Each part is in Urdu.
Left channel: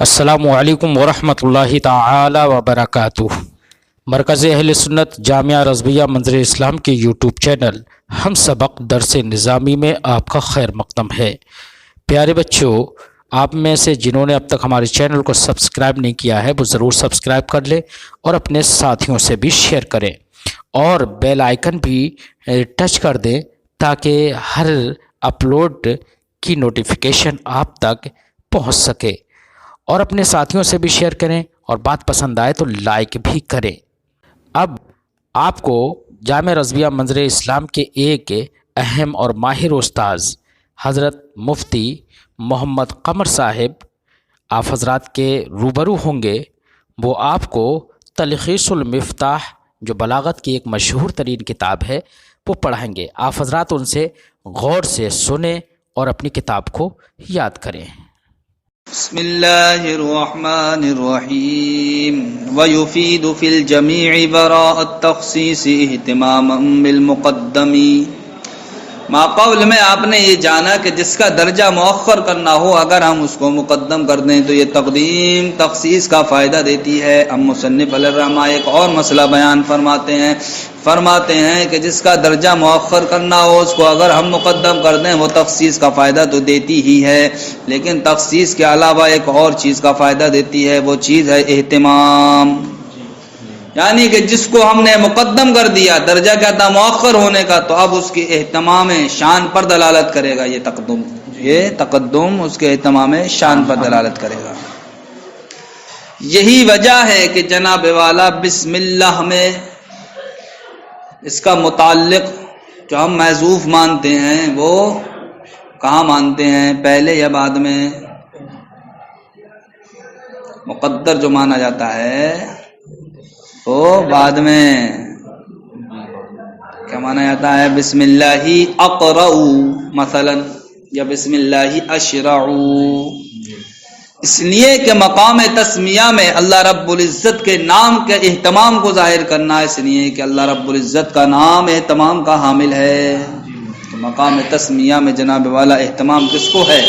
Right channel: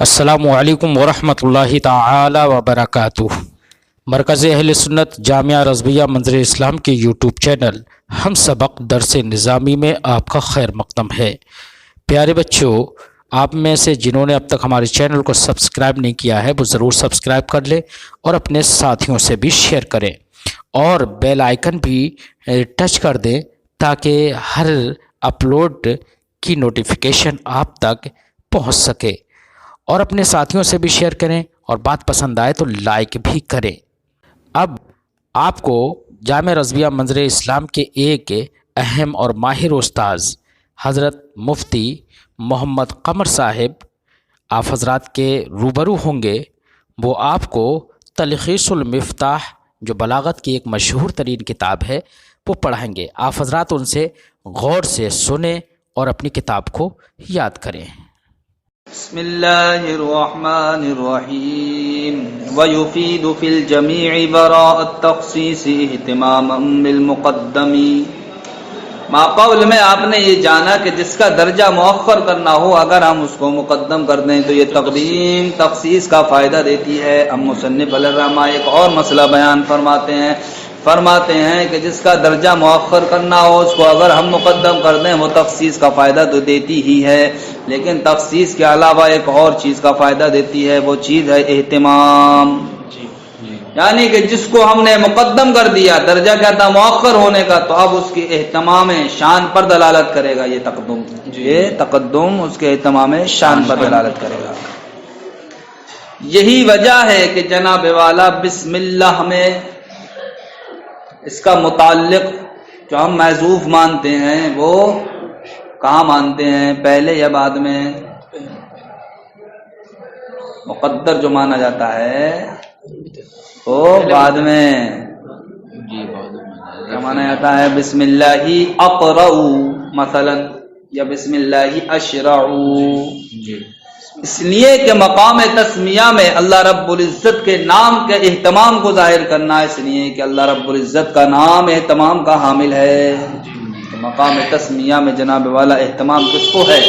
السلام علیکم ورحمۃ اللہ تعالی وبرکاتہ۔ مرکز اہل سنت جامعہ رضویہ منظر اسلام کے یوٹیوب چینل ہم سبق درس نظامی میں آپ کا خیر مقدم ہے۔ پیارے بچوں، آپ میں سے جنہوں نے اب تک ہمارے چینل کو سبسکرائب نہیں کیا ہے وہ ضرور سبسکرائب کر لیں اور اپنے ساتھیوں سے بھی شیئر کریں اور بیل آئیکن بھی ٹچ کر دیں تاکہ ہر اپلوڈ کی نوٹیفیکیشن آپ تک پہنچ سکے، اور اپنے ساتھیوں سے بھی شیئر کریں اور بات پسند آئے تو لائک بھی کریں۔ اب آپ کو جامعہ رضویہ منظر اسلام کے ایک اہم اور ماہر استاذ حضرت مفتی محمد قمر صاحب آپ حضرات کے روبرو ہوں گے۔ وہ آپ کو تلخیص المفتاح جو بلاغت کی ایک مشہور ترین کتاب ہے وہ پڑھائیں گے۔ آپ حضرات ان سے غور سے سنیں اور اپنی کتاب کو یاد کریں۔ بسم اللہ الرحمن الرحیم ویفید فی الجمیع براء التخصیص اہتماما بالمقدم۔ ماقول میں آپ نے یہ جانا کہ جس کا درجہ مؤخر کرنا ہو اگر ہم اس کو مقدم کر دیں تو یہ تقدیم تخصیص کا فائدہ دیتی ہے۔ ہم مصنف علیہ الرحمہ ایک اور مسئلہ بیان فرماتے ہیں کہ جس کا درجہ مؤخر کرنا ہو اس کو اگر ہم مقدم کر دیں وہ تخصیص کا فائدہ تو دیتی ہی ہے، لیکن تخصیص کے علاوہ ایک اور چیز کا فائدہ دیتی ہے، وہ چیز ہے اہتمام۔ یعنی کہ جس کو ہم نے مقدم کر دیا، درجہ کیا تھا مؤخر ہونے کا، تو اب اس کے اہتمام شان پر دلالت کرے گا۔ یہ تقدم اس کے اہتمام شان پر دلالت کرے گا۔ یہی وجہ ہے کہ جناب والا بسم اللہ میں اس کا متعلق جو ہم محذوف مانتے ہیں وہ کہاں مانتے ہیں، پہلے یا بعد میں؟ مقدر جو مانا جاتا ہے وہ بعد میں۔ کیا مانا جاتا ہے؟ بسم اللہ اقرأ مثلا یا بسم اللہ اشرع، اس لیے کہ مقام تسمیہ میں اللہ رب العزت کے نام کے اہتمام کو ظاہر کرنا ہے، اس لیے کہ اللہ رب العزت کا نام اہتمام کا حامل ہے۔ تو مقام تسمیہ میں جناب والا اہتمام کس کو ہے؟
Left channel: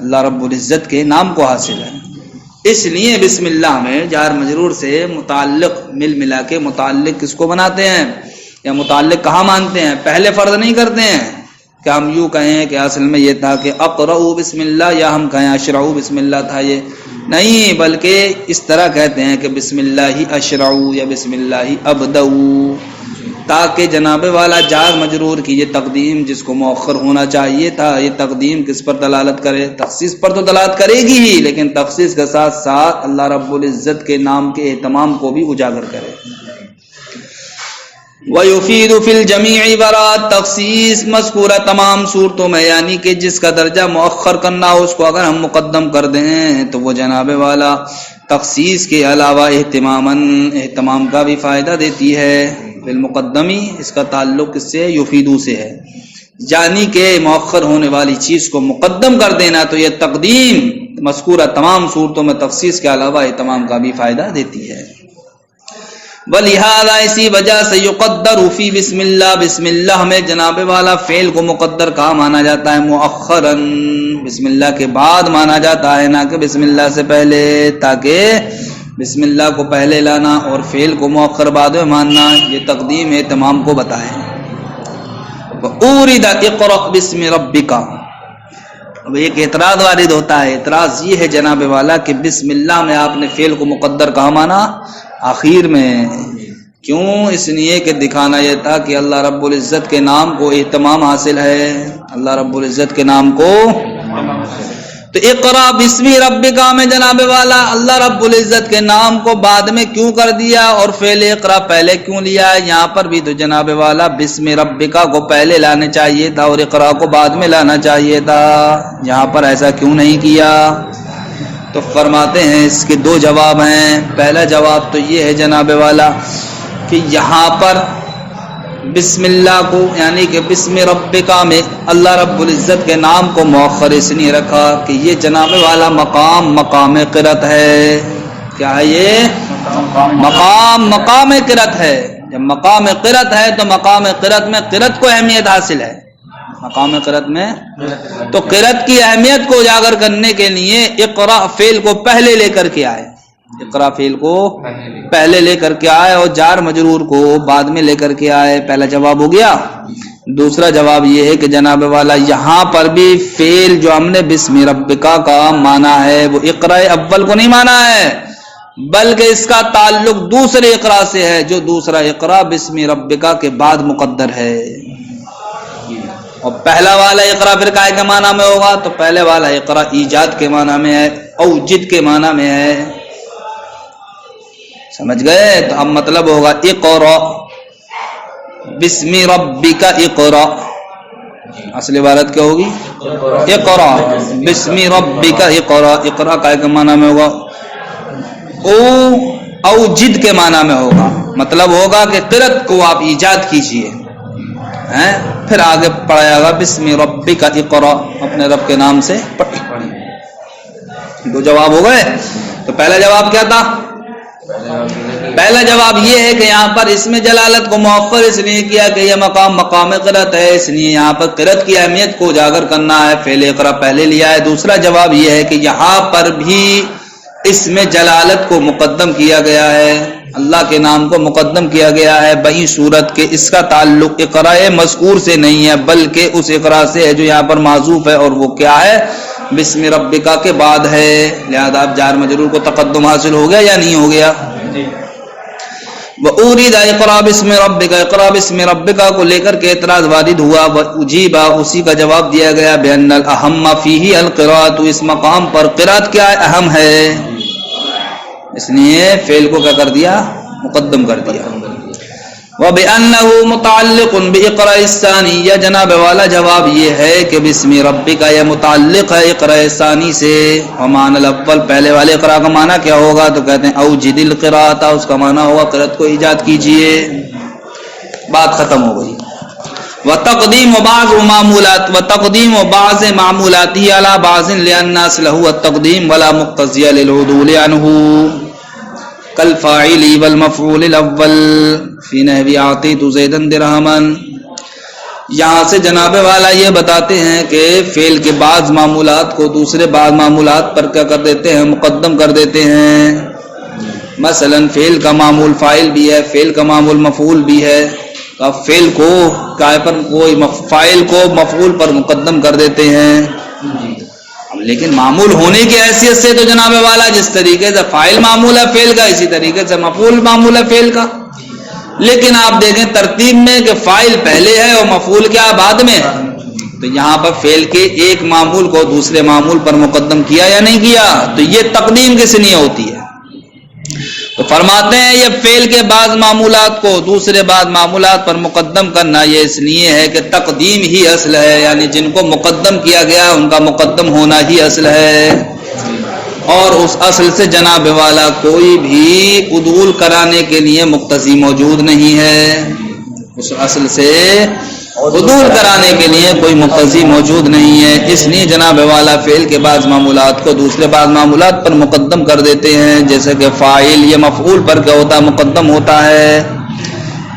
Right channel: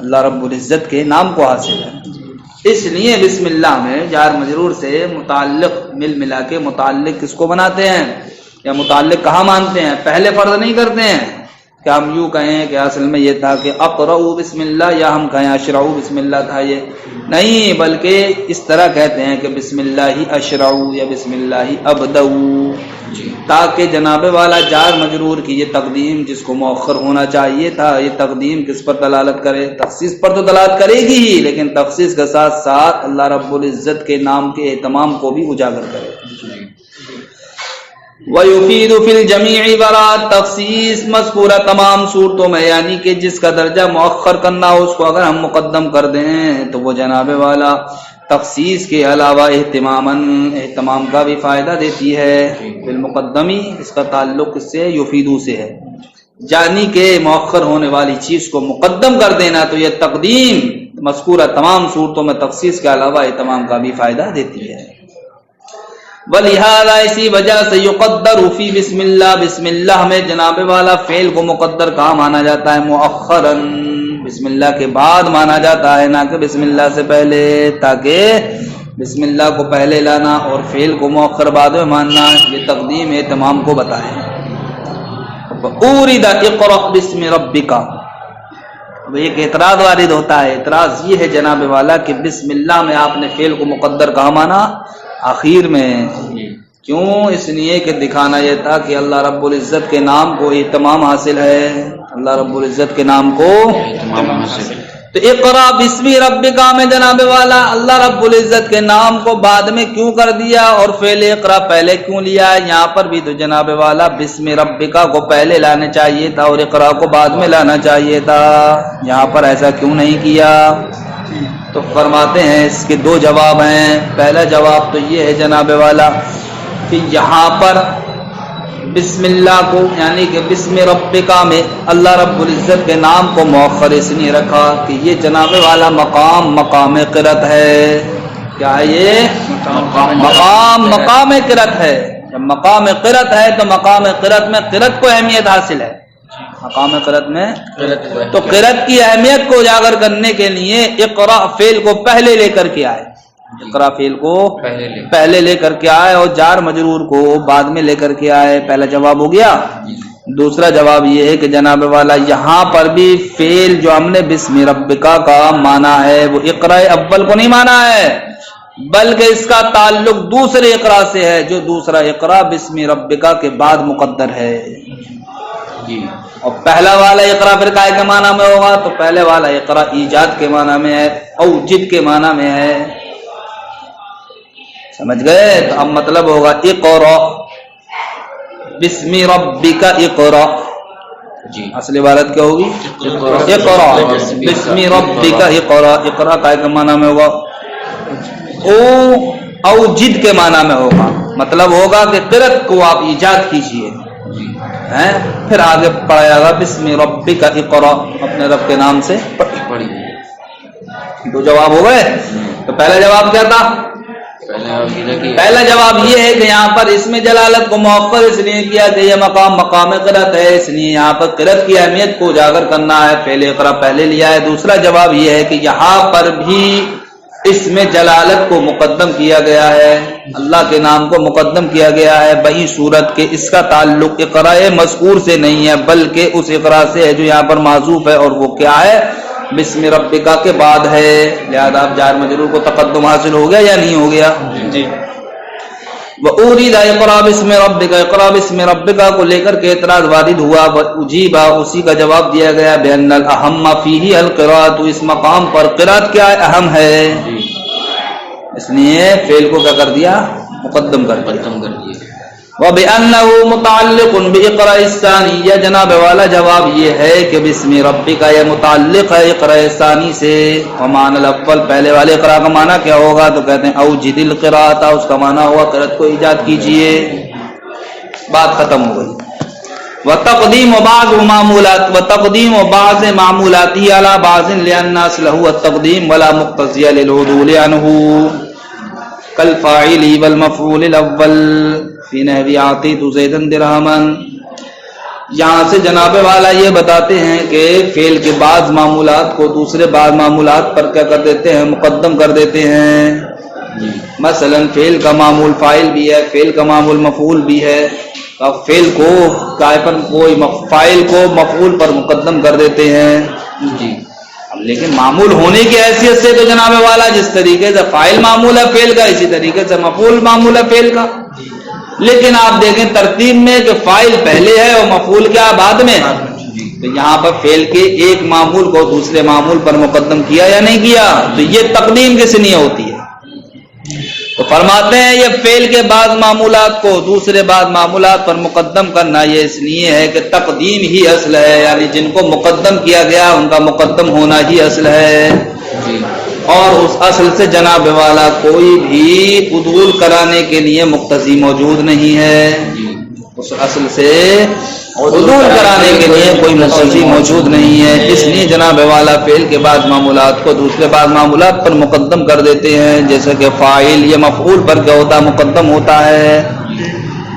اللہ رب العزت کے نام کو حاصل ہے۔ اس لیے بسم اللہ میں جار مجرور سے متعلق ملا کے متعلق کس کو بناتے ہیں، یا متعلق کہاں مانتے ہیں؟ پہلے فرض نہیں کرتے ہیں کہ ہم یوں کہیں کہ اصل میں یہ تھا کہ اقرأ بسم اللہ، یا ہم کہیں اشرع بسم اللہ تھا، یہ نہیں، بلکہ اس طرح کہتے ہیں کہ بسم اللہ اشرع یا بسم اللہ ابدأ، تاکہ جناب والا جار مجرور کی یہ تقدیم جس کو مؤخر ہونا چاہیے تھا، یہ تقدیم کس پر دلالت کرے؟ تخصیص پر تو دلالت کرے گی ہی، لیکن تخصیص کے ساتھ ساتھ اللہ رب العزت کے نام کے اہتمام کو بھی اجاگر کرے۔ وَيُفِيدُ فِي الْجَمِيعِ بَرَاءَ تخصیص مذکورہ تمام صورتوں میں، یعنی کہ جس کا درجہ مؤخر کرنا ہو اس کو اگر ہم مقدم کر دیں تو وہ جناب والا تخصیص کے علاوہ اہتمام کا بھی فائدہ دیتی ہے۔ بالمقدمی اس کا تعلق اس سے یفیدو سے ہے، یعنی کہ مؤخر ہونے والی چیز کو مقدم کر دینا، تو یہ تقدیم مذکورہ تمام صورتوں میں تخصیص کے علاوہ اہتمام کا بھی فائدہ دیتی ہے۔ وَلِهَذَا اسی وجہ سے يُقَدَّرُ فِي بسم اللہ، بسم اللہ میں جناب والا فعل کو مقدر کہاں مانا جاتا ہے؟ مؤخراً، بسم اللہ کے بعد مانا جاتا ہے، نہ کہ بسم اللہ سے پہلے، تاکہ بسم اللہ کو پہلے لانا اور فعل کو مؤخر بعد میں ماننا یہ تقدیم اہتمام کو بتائے۔ وَأُورِدَ اقْرَأْ بِاسْمِ رَبِّكَ، اب ایک اعتراض وارد ہوتا ہے، اعتراض یہ ہے جناب والا کہ بسم اللہ میں آپ نے فعل کو مقدر کہاں مانا؟ آخر میں۔ کیوں؟ اس لیے کہ دکھانا یہ تھا کہ اللہ رب العزت کے نام کو اہتمام حاصل ہے، اللہ رب العزت کے نام کو تو اقرا بسم ربک میں جناب والا اللہ رب العزت کے نام کو بعد میں کیوں کر دیا اور فعل اقرا پہلے کیوں لیا؟ یہاں پر بھی تو جناب والا بسم ربک کو پہلے لانا چاہیے تھا اور اقرا کو بعد میں لانا چاہیے تھا، یہاں پر ایسا کیوں نہیں کیا؟ تو فرماتے ہیں اس کے دو جواب ہیں۔ پہلا جواب تو یہ ہے جناب والا کہ یہاں پر بسم اللہ کو یعنی کہ بسم ربکا میں اللہ رب العزت کے نام کو مؤخر اس لیے رکھا کہ یہ جناب والا مقام قرت ہے۔ کیا ہے یہ؟ مقام قرت ہے۔ جب مقام قرت ہے تو مقام قرت میں قرت کو اہمیت حاصل ہے، مقام قرأت میں تو قرأت کی اہمیت کو اجاگر کرنے کے لیے اقرا فعل کو پہلے لے کر کے آئے، اقرا فعل کو پہلے لے کر کے آئے اور جار مجرور کو بعد میں لے کر کے آئے۔ پہلا جواب ہو گیا۔ دوسرا جواب یہ ہے کہ جناب والا یہاں پر بھی فعل جو ہم نے بسم ربکا کا مانا ہے وہ اقرا اول کو نہیں مانا ہے، بلکہ اس کا تعلق دوسرے اقرا سے ہے، جو دوسرا اقرا بسم ربکا کے بعد مقدر ہے۔ اور پہلا والا اقرا پھر کائے کے معنی میں ہوگا؟ تو پہلے والا اقرا ایجاد کے معنی میں ہے، اوجد کے معنی میں ہے، سمجھ گئے؟ تو اب مطلب ہوگا اقرا بسم ربک اقرا، اصل عبارت کیا ہوگی؟ اقرا بسم ربک اقرا، اقرا کائے کے معنی میں ہوگا؟ اوجد کے معنی میں ہوگا، مطلب ہوگا کہ قرأت کو آپ ایجاد کیجئے، پھر آگے پڑھایا گا بسم ربک اقرا، اپنے رب کے نام سے پڑھیے۔ دو جواب ہو گئے۔ تو پہلا جواب کیا تھا؟ پہلا جواب یہ ہے کہ یہاں پر اس میں جلالت کو مؤخر اس لیے کیا کہ یہ مقام قرأت ہے، اس لیے یہاں پر قرأت کی اہمیت کو اجاگر کرنا ہے، فعل اقرا پہلے لیا ہے۔ دوسرا جواب یہ ہے کہ یہاں پر بھی اس میں جلالت کو مقدم کیا گیا ہے، اللہ کے نام کو مقدم کیا گیا ہے بئی صورت کے اس کا تعلق اقرا مذکور سے نہیں ہے، بلکہ اس اقرا سے ہے جو یہاں پر معذوف ہے، اور وہ کیا ہے؟ بسم ربکا کے بعد ہے، لہذا اب جار مجرور کو تقدم حاصل ہو گیا یا نہیں ہو گیا؟ وَأُورِدَ اقرا بسم ربکا، اقرا بسم ربکا کو لے کر کے اعتراض وارد ہوا، وَأُجِیبَ اسی کا جواب دیا گیا بِأَنَّ الْأَحَمَّ فِيهِ الْقِرَاءَةُ، اس مقام پر قرأت کیا اہم ہے، اس لیے فعل کو کیا کر دیا؟ مقدم کر دیا۔ وَبِأَنَّهُ مُتَعَلِّقٌ بِإِقْرَاءِ الثَّانِي، یا جناب والا جواب یہ ہے کہ بسم ربک یہ متعلق ہے اقراء ثانی سے، ومعنی الاول پہلے والے اقراء کا معنی کیا ہوگا؟ تو کہتے ہیں اوجد القراءۃ، اس کا معنی ہوا قرأت کو ایجاد کیجئے، بات ختم ہو گئی۔ وتقدیم بعض معمولات وتقدیم بعض معمولاته على بعض لأن اصله التقدیم ولا مقتضی للعدول عنه کالفاعل والمفعول الاول فی نحو اعطیت زیدا درہما۔ یہاں سے جناب والا یہ بتاتے ہیں کہ فعل کے بعض معمولات کو دوسرے بعض معمولات پر کیا کر دیتے ہیں؟ مقدم کر دیتے ہیں۔ مثلا فعل کا معمول فاعل بھی ہے، فعل کا معمول مفعول بھی ہے، اب فعل کو فاعل کو مفعول پر مقدم کر دیتے ہیں، لیکن معمول ہونے کی حیثیت سے تو جناب والا جس طریقے سے فاعل معمول ہے فعل کا، اسی طریقے سے مفعول معمول ہے فعل کا، لیکن آپ دیکھیں ترتیب میں کہ فاعل پہلے ہے اور مفعول کیا بعد میں، تو یہاں پر فعل کے ایک معمول کو دوسرے معمول پر مقدم کیا یا نہیں کیا؟ تو یہ تقدیم کس لیے ہوتی ہے؟ تو فرماتے ہیں یہ فعل کے بعض معمولات کو دوسرے بعض معمولات پر مقدم کرنا یہ اس لیے ہے کہ تقدیم ہی اصل ہے، یعنی جن کو مقدم کیا گیا ان کا مقدم ہونا ہی اصل ہے، اور اس اصل سے جناب والا کوئی بھی عدول کرانے کے لیے مقتضی موجود نہیں ہے، اس اصل سے عدول کرانے کے لیے کوئی مقتضی موجود نہیں ہے، اس لیے جناب والا فعل کے بعض معمولات کو دوسرے بعض معمولات پر مقدم کر دیتے ہیں، جیسے کہ فاعل یہ مفعول پر کیا ہوتا ہے؟ مقدم ہوتا ہے،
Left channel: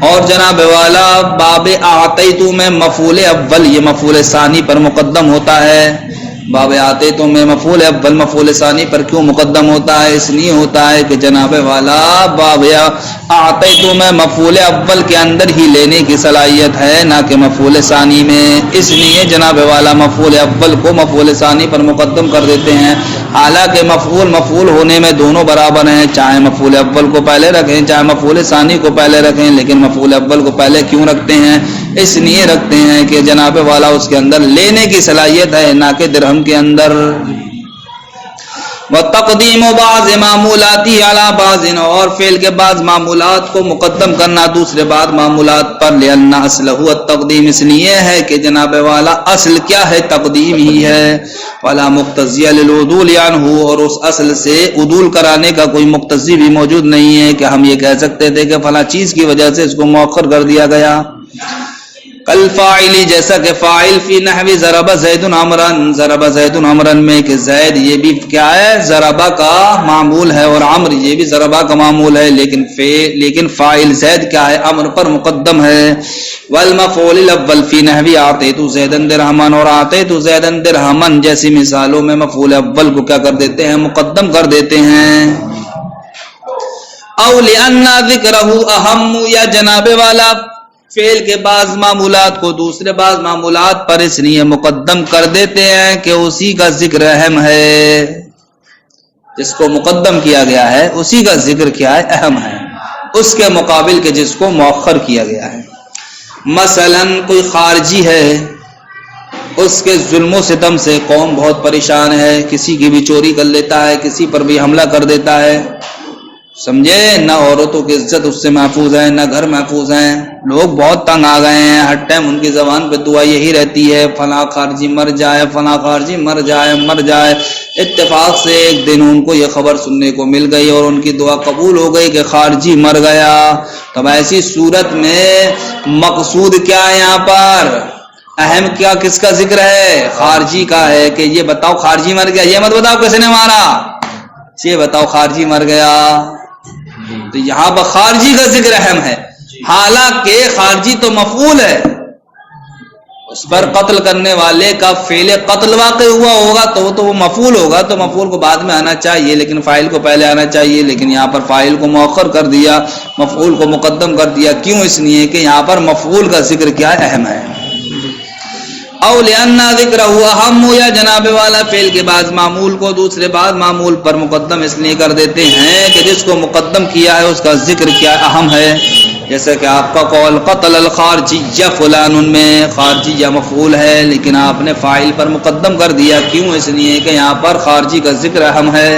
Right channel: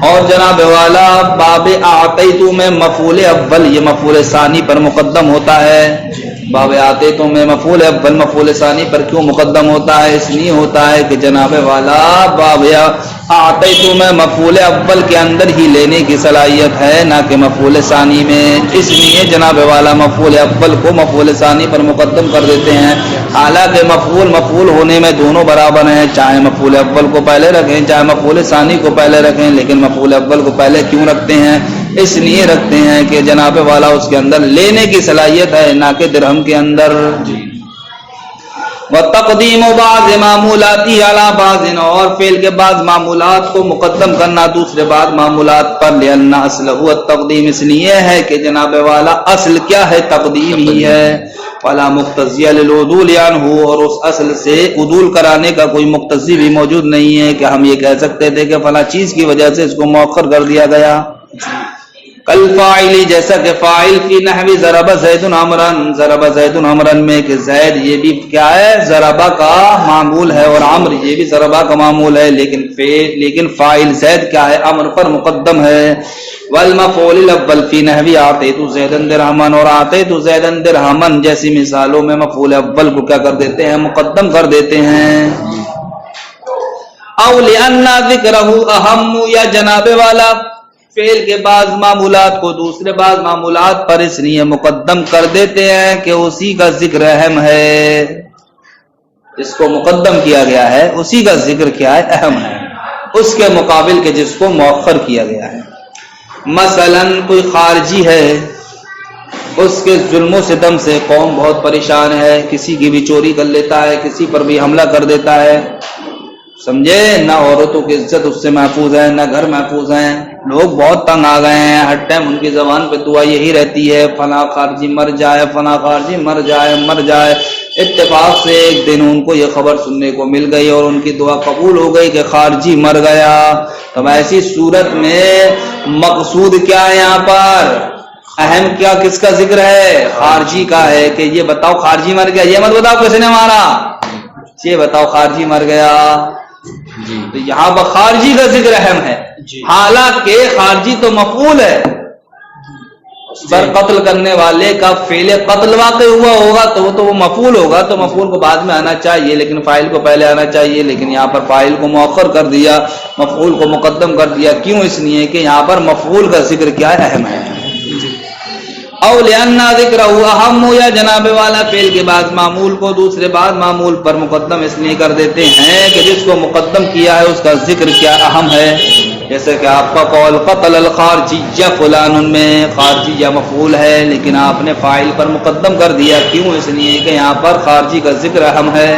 اور جناب والا باب اعطیتو میں مفعول اول یہ مفعول ثانی پر مقدم ہوتا ہے، باب اعطیتو میں مفعول اول مفعول ثانی پر کیوں مقدم ہوتا ہے؟ اس لیے ہوتا ہے کہ جناب والا باب اعطیتو میں مفعول اول کے اندر ہی لینے کی صلاحیت ہے نہ کہ مفعول ثانی میں، اس لیے جناب والا مفعول اول کو مفعول ثانی پر مقدم کر دیتے ہیں، حالانکہ مفعول ہونے میں دونوں برابر ہیں، چاہے مفعول اول کو پہلے رکھیں چاہے مفعول ثانی کو پہلے رکھیں، لیکن مفعول اول کو پہلے کیوں رکھتے ہیں؟ اس لیے رکھتے ہیں کہ جناب والا اس کے اندر لینے کی صلاحیت ہے نہ کہ درہم کے اندر۔ وتقدیم بعض معمولاتی علی بعض، اور فعل کے بعض معمولات کو مقدم کرنا دوسرے بعض معمولات پر، لأن اصلہ التقدیم اس لیے ہے کہ جناب والا اصل کیا ہے؟ تقدیم ہی ہے، ولا مقتضی للعدول عنہ، اور اس اصل سے عدول کرانے کا کوئی مقتضی بھی موجود نہیں ہے کہ ہم یہ کہہ سکتے تھے کہ فلاں چیز کی وجہ سے اس کو مؤخر کر دیا گیا۔ کالفاعل جیسا کہ فاعل فی نحو ضرب زید عمرا، ضرب زید عمرا میں کہ زید یہ بھی کیا ہے؟ ضربہ کا معمول ہے، اور عمر یہ بھی ضربہ کا معمول ہے، لیکن فاعل زید کیا ہے؟ عمر پر مقدم ہے، والمفعول الاول فی نحو اعطیت زیدا درہما، اور اعطیت زیدا درہما جیسی مثالوں میں مفعول اول کو کیا کر دیتے ہیں؟ مقدم کر دیتے ہیں۔ او لأن ذکرہ اہم، یا جناب والا فعل کے بعض معمولات کو دوسرے بعض معمولات پر اس لیے مقدم کر دیتے ہیں کہ اسی کا ذکر اہم ہے، جس کو مقدم کیا گیا ہے اسی کا ذکر کیا ہے؟ اہم ہے، اس کے مقابل کے جس کو مؤخر کیا گیا ہے۔ مثلا کوئی خارجی ہے، اس کے ظلم و ستم سے قوم بہت پریشان ہے، کسی کی بھی چوری کر لیتا ہے، کسی پر بھی حملہ کر دیتا ہے، سمجھے؟ نہ عورتوں کی عزت اس سے محفوظ ہے، نہ گھر محفوظ ہیں، لوگ بہت تنگ آ گئے ہیں، ہر ٹائم ان کی زبان پہ دعا یہی رہتی ہے فلاں خارجی مر جائے، فلاں خارجی مر جائے، مر جائے۔ اتفاق سے ایک دن ان کو یہ خبر سننے کو مل گئی اور ان کی دعا قبول ہو گئی کہ خارجی مر گیا۔ تو ایسی صورت میں مقصود کیا ہے یہاں پر؟ اہم کیا کس کا ذکر ہے؟ خارجی کا ہے کہ یہ بتاؤ خارجی مر گیا، یہ مت بتاؤ کس نے مارا، یہ بتاؤ خارجی مر گیا۔ تو یہاں پر خارجی کا ذکر اہم ہے، حالانکہ خارجی تو مفعول ہے، اس پر قتل کرنے والے کا فعل قتل واقع ہوا ہوگا تو وہ مفعول ہوگا، تو مفعول کو بعد میں آنا چاہیے لیکن فاعل کو پہلے آنا چاہیے، لیکن یہاں پر فاعل کو مؤخر کر دیا، مفعول کو مقدم کر دیا۔ کیوں؟ اس لیے کہ یہاں پر مفعول کا ذکر کیا ہے؟ اہم ہے۔ او لأن ذکرہ اہم، یا جناب والا فعل کے بعد معمول کو دوسرے بعد معمول پر مقدم اس لیے کر دیتے ہیں کہ جس کو مقدم کیا ہے اس کا ذکر کیا اہم ہے۔ جیسے کہ آپ کا قول قتل الخارجی یا فلان میں خارجی یا مفعول ہے لیکن آپ نے فاعل پر مقدم کر دیا، کیوں؟ اس لیے کہ یہاں پر خارجی کا ذکر اہم ہے۔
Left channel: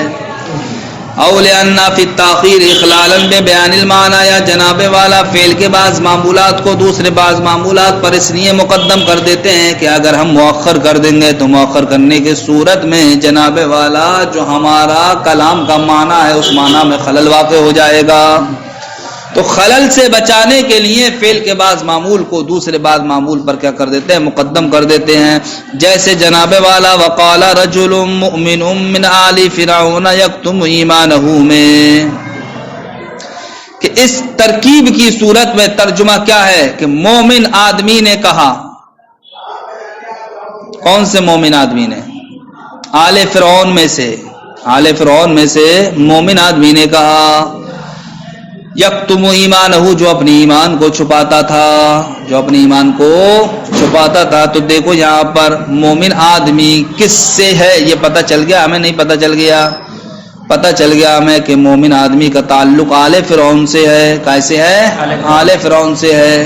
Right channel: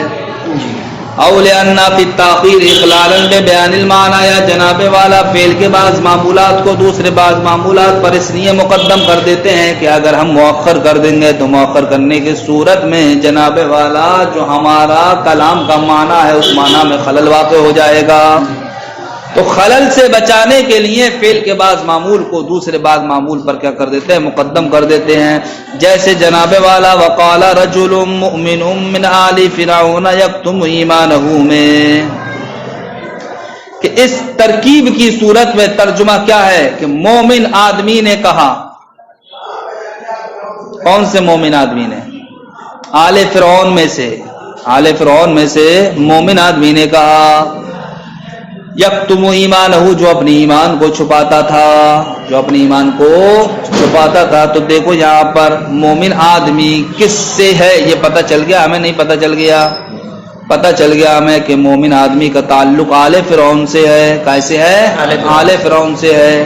او لأن فی التاخیر اخلالا ببیان المعنی، یا جناب والا فعل کے بعض معمولات کو دوسرے بعض معمولات پر اس لیے مقدم کر دیتے ہیں کہ اگر ہم مؤخر کر دیں گے تو مؤخر کرنے کی صورت میں جناب والا جو ہمارا کلام کا معنی ہے اس معنی میں خلل واقع ہو جائے گا۔ تو خلل سے بچانے کے لیے فعل کے بعض معمول کو دوسرے بعض معمول پر کیا کر دیتے ہیں؟ مقدم کر دیتے ہیں۔ جیسے جناب والا وقال رجل مؤمن من آل فرعون یکتم ایمانہ میں، کہ اس ترکیب کی صورت میں ترجمہ کیا ہے کہ مومن آدمی نے کہا۔ کون سے مومن آدمی نے؟ آل فرعون میں سے، آل فرعون میں سے مومن آدمی نے کہا یکتم ایمانہ، جو اپنی ایمان کو چھپاتا تھا، جو اپنی ایمان کو چھپاتا تھا۔ تو دیکھو یہاں پر مومن آدمی کس سے ہے یہ پتہ چل گیا ہمیں؟ نہیں پتہ چل گیا؟ پتہ چل گیا ہمیں کہ مومن آدمی کا تعلق آل فرعون سے ہے۔ کیسے ہے؟ آل فرعون سے ہے۔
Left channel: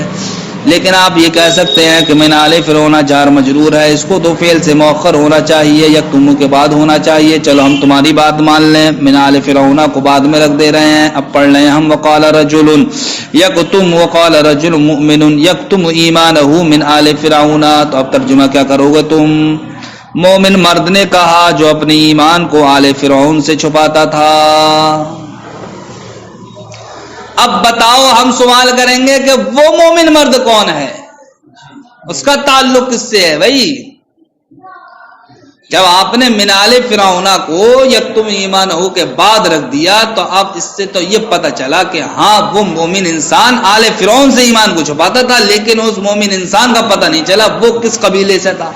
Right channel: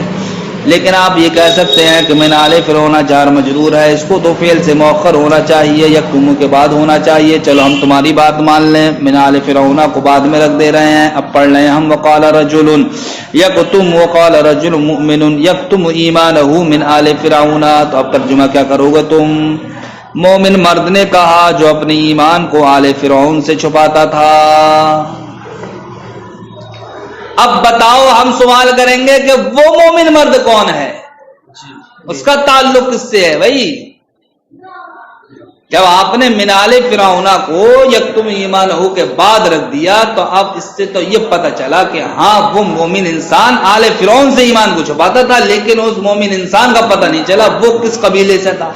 لیکن آپ یہ کہہ سکتے ہیں کہ من آل فرعون جار مجرور ہے، اس کو تو فعل سے مؤخر ہونا چاہیے، یکتم کے بعد ہونا چاہیے۔ چلو ہم تمہاری بات مان لیں، من آل فرعون کو بعد میں رکھ دے رہے ہیں۔ اب پڑھ لیں ہم وقال رجل یکتم، وقال رجل مؤمن یکتم ایمانہ من آل فرعون۔ تو اب ترجمہ کیا کرو گے تم؟ مومن مرد نے کہا جو اپنی ایمان کو آل فرعون سے چھپاتا تھا۔ اب بتاؤ، ہم سوال کریں گے کہ وہ مومن مرد کون ہے، اس کا تعلق کس سے ہے بھائی؟ جب آپ نے من آل فرعون کو یکتم ایمانہ کے بعد رکھ دیا تو اب اس سے تو یہ پتہ چلا کہ ہاں وہ مومن انسان آل فرعون سے ایمان کو چھپاتا تھا، لیکن اس مومن انسان کا پتہ نہیں چلا وہ کس قبیلے سے تھا۔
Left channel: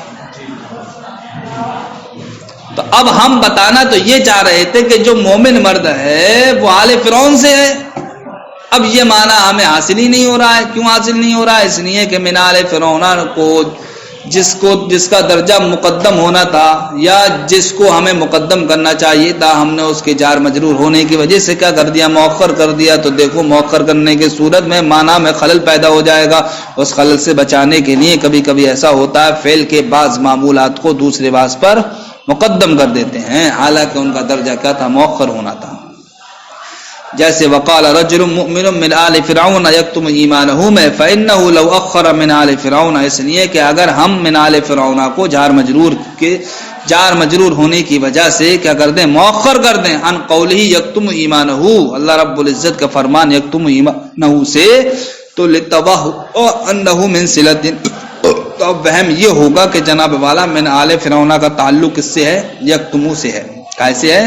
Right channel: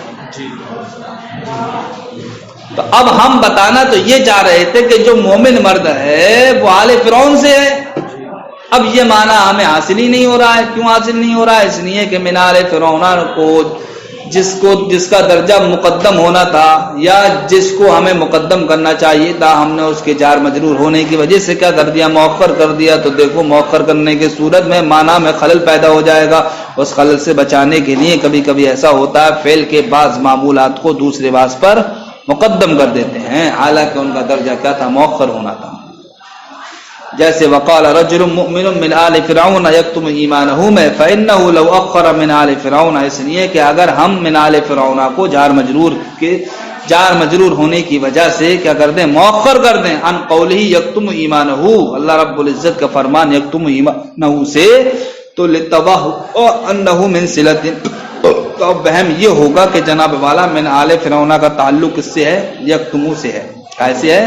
تو اب ہم بتانا تو یہ چاہ رہے تھے کہ جو مومن مرد ہے وہ آل فرعون سے ہے۔ اب یہ معنی ہمیں حاصل ہی نہیں ہو رہا ہے۔ کیوں حاصل نہیں ہو رہا ہے؟ اس لیے کہ من آل فرعون کو جس کا درجہ مقدم ہونا تھا یا جس کو ہمیں مقدم کرنا چاہیے تھا، ہم نے اس کے جار مجرور ہونے کی وجہ سے کیا کر دیا؟ مؤخر کر دیا۔ تو دیکھو مؤخر کرنے کی صورت میں معنی میں خلل پیدا ہو جائے گا۔ اس خلل سے بچانے کے لیے کبھی کبھی ایسا ہوتا ہے فعل کے بعض معمولات کو دوسرے بعض پر مقدم کر دیتے ہیں، حالانکہ ان کا درجہ کیا تھا؟ مؤخر ہونا تھا۔ جیسے وقال رجل مؤمن من آل فرعون یکتم ایمانہ میں، فإنہ لو اخر من آل فرعون، اس لیے کہ اگر ہم من آل فرعون کو جار مجرور ہونے کی وجہ سے کیا کر دیں؟ مؤخر کر دیں عن قولہ یکتم ایمانہ، اللہ رب العزت کا فرمان یکتم ایمانہ سے، تو لتوہ انہ من صلۃ، تو اب وہم یہ ہوگا کہ جناب والا من آل فرعون کا تعلق کس سے ہے؟ یکتمو سے ہے۔ کیسے ہے؟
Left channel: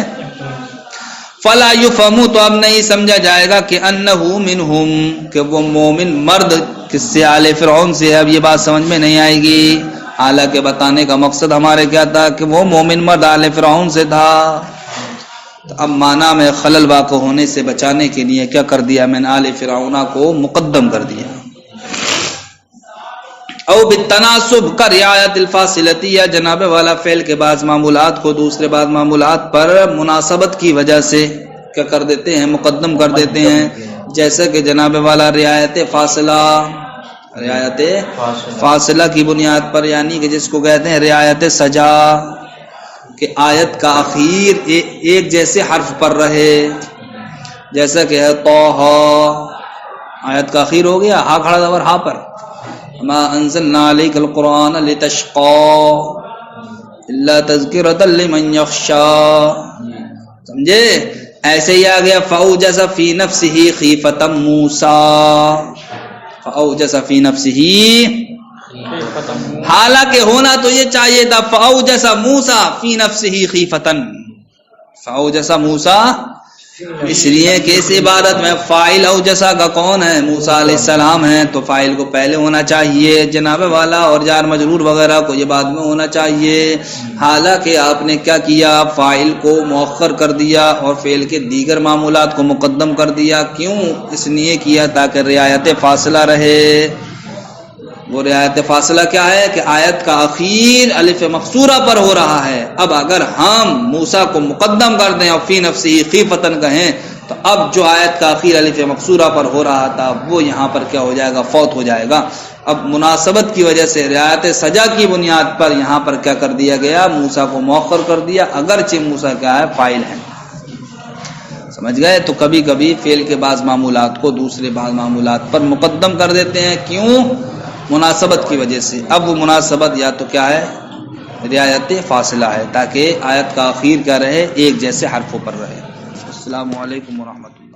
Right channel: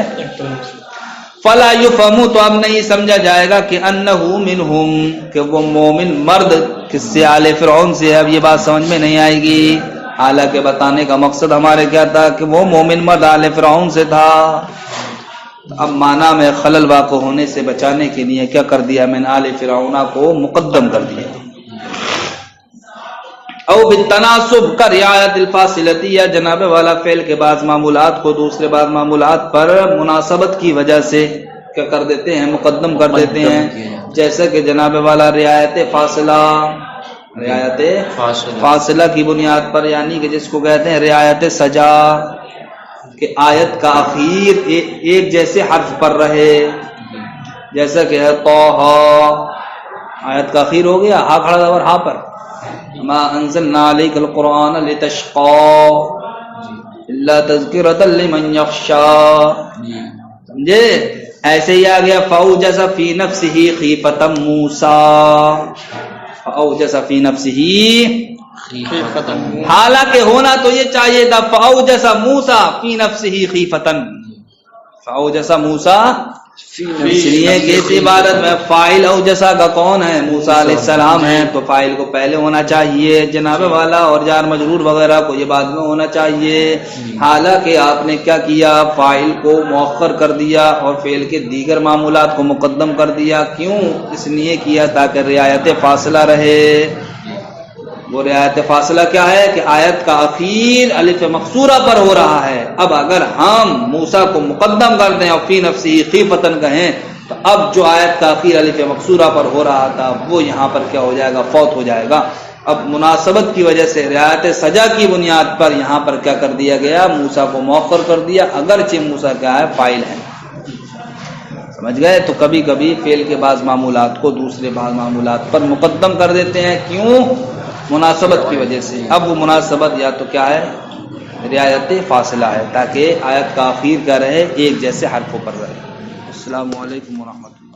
فلا یفہم، تو اب نہیں سمجھا جائے گا کہ انہ منہم، کہ وہ مومن مرد کس سے؟ آل فرعون سے۔ اب یہ بات سمجھ میں نہیں آئے گی، حالانکہ بتانے کا مقصد ہمارے کیا تھا کہ وہ مومن مرد آل فرعون سے تھا۔ تو اب معنی میں خلل واقع ہونے سے بچانے کے لیے کیا کر دیا؟ میں نے آل فرعون کو مقدم کر دیا۔ او بالتناسب کا رعایت الفاصلتی، یا جناب والا فعل کے بعض معمولات کو دوسرے بعض معمولات پر مناسبت کی وجہ سے کیا کر دیتے ہیں؟ مقدم کر دیتے ہیں۔ جیسا کہ جناب والا رعایت فاصلہ، رعایت فاصلہ کی بنیاد پر، یعنی کہ جس کو کہتے ہیں رعایت سجا، کہ آیت کا اخیر ایک جیسے حرف پر رہے، جیسا کہ ہے طہ، آیت کا اخیر ہو گیا ہا کھڑا زبر ہا پر، ما انزلنا علیک القرآن لتشقى الا تذکرۃ لمن یخشى، سمجھے؟ ایسے ہی آ گیا فاوجس فی نفسہ خیفۃ موسیٰ، فاوجس فی نفسہ، حالانکہ ہونا تو یہ چاہیے تھا فاوجس موسیٰ فی نفسہ خیفۃ، فاوجس موسیٰ، اس لیے کہ اس عبارت میں فاعل اوجسا کا کون ہے؟ موسیٰ علیہ السلام ہیں، تو فاعل کو پہلے ہونا چاہیے جناب والا، اور جار مجرور وغیرہ کو یہ بعد میں ہونا چاہیے۔ حالانکہ آپ نے کیا کیا؟ فاعل کو مؤخر کر دیا اور فعل کے دیگر معمولات کو مقدم کر دیا۔ کیوں؟ اس لیے کیا تاکہ رعایت فاصلہ رہے۔ وہ رعایت فاصلہ کیا ہے؟ کہ آیت کا اخیر الف مقصورہ پر ہو رہا ہے۔ اب اگر ہم موسیٰ کو مقدم کر دیں اور فی نفسہ خیفتن کہیں تو اب جو آیت کا اخیر الف مقصورہ پر ہو رہا تھا وہ یہاں پر کیا ہو جائے گا؟ فوت ہو جائے گا۔ اب مناسبت کی وجہ سے رعایت سجا کی بنیاد پر یہاں پر کیا کر دیا گیا؟ موسیٰ کو مؤخر کر دیا، اگرچہ موسیٰ کیا ہے؟ فاعل ہے، سمجھ گئے؟ تو کبھی کبھی فعل کے بعض معمولات کو دوسرے بعض معمولات پر مقدم کر دیتے ہیں، کیوں؟ مناسبت کی وجہ سے۔ اب وہ مناسبت یا تو کیا ہے؟ رعایت فاصلہ ہے، تاکہ آیت کا اخیر کیا رہے؟ ایک جیسے حرفوں پر رہے۔ السلام علیکم ورحمۃ اللہ۔